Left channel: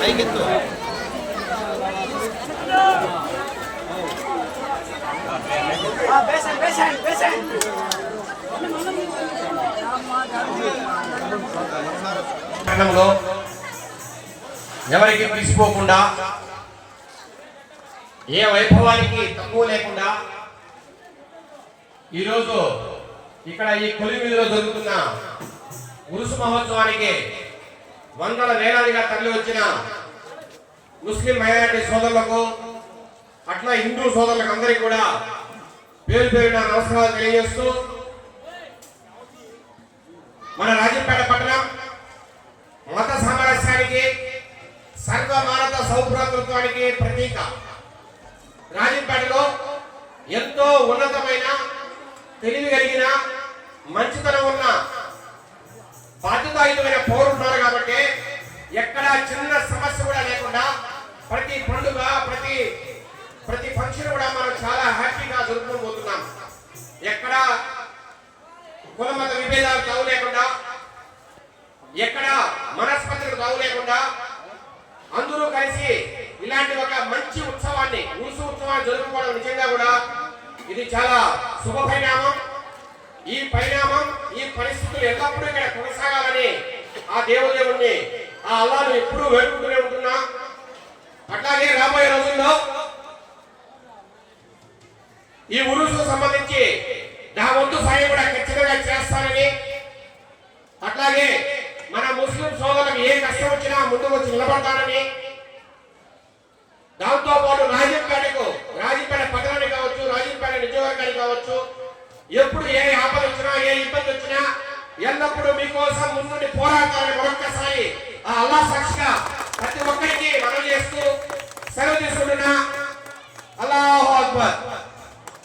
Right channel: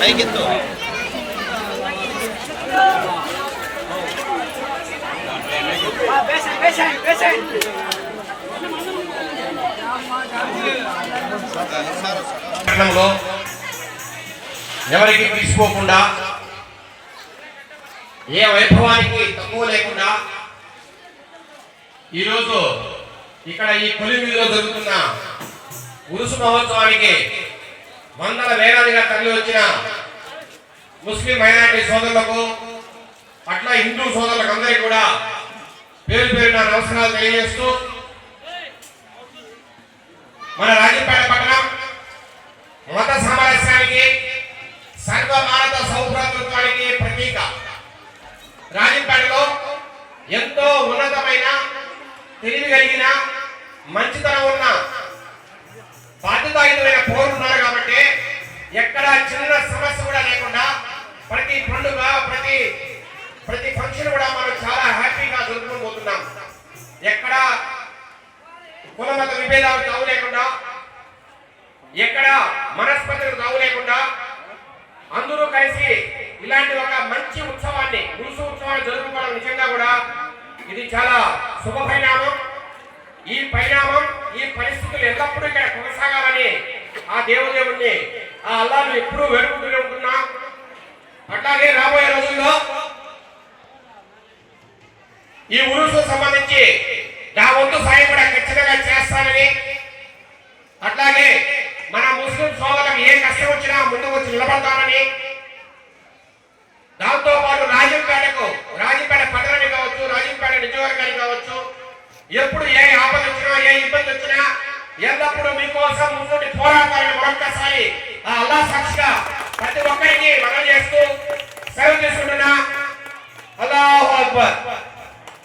పైకెత్తు ఎవరికి తీసుకోకుండా ఏ వైభవానికి తక్కువ లేకుండా ఈరోజు ఇక్కడ ఈ కొలిమిలో జరుగుతున్న ఉరుసు మహోత్సవానికి వందల వేలాదిగా తరలి వచ్చిన ముస్లిం మైనారిటీ సోదరులకు అట్లా హిందూ సోదరులకు అందరికీ కూడా పేరు పేరున నమస్కారాలు తెలియజేస్తూ మన రాజంపేట పట్టణం మత సామరస్యానికి సర్వమానత సౌభ్రాతృత్వానికి ప్రతీక. రాజంపేటలో ఎంతో ఉన్నతమైన తెలివి కలిగిన మంచితనం ప్రతి పండుగ ప్రతి ప్రతి ఫంక్షన్ కూడా మనం చాలా హ్యాపీగా జరుపుకోబోతున్నాం ఎక్కడ కులమత విభేదాలు తావు లేకుండా ఎక్కడ మనస్పతులు తావు లేకుండా అందరూ కలిసి ఇలాంటి ఒక మంచి ఉత్సవాన్ని ఉరుసు ఉత్సవాన్ని జరుపుకోవడం నిజంగా కూడా ఇది చాలా శుభ పరిణామం. ఈ పరిణామం ఈ పరిస్థితులు ఎల్లప్పుడూ ఇక్కడ కొనసాగాలని ఆ దేవదేవుణ్ణి ఆ అల్లాను ఎప్పుడూ వేడుకుంటూనే ఉంటున్నా. ఈ ఉరుసు సంబంధించి నా వంతు సాయం ఖచ్చితంగా చేస్తానని. అట్లాగే మన ముస్లిం సోదరులకు ఏ కష్టం వచ్చినా ముందుకు వచ్చి నిలబడతానని. దాంతో పాటు రాజంపేటకు రాజంపేట పట్టణానికి కావచ్చు రాజంపేట నిజవర్గానికి కావచ్చు ఎప్పుడు ఏ ఆపద వచ్చినా ఏ ఇబ్బంది వచ్చినా ఎల్లప్పుడూ మీకోసం ముందుండి పోరాటాలని మరొక్కసారి ఆ అల్లా సాక్షిగా ప్రతి ఒక్కరికి మనం చేస్తూ సేవ చేసుకుంటున్నా అల్లాహు అక్బర్.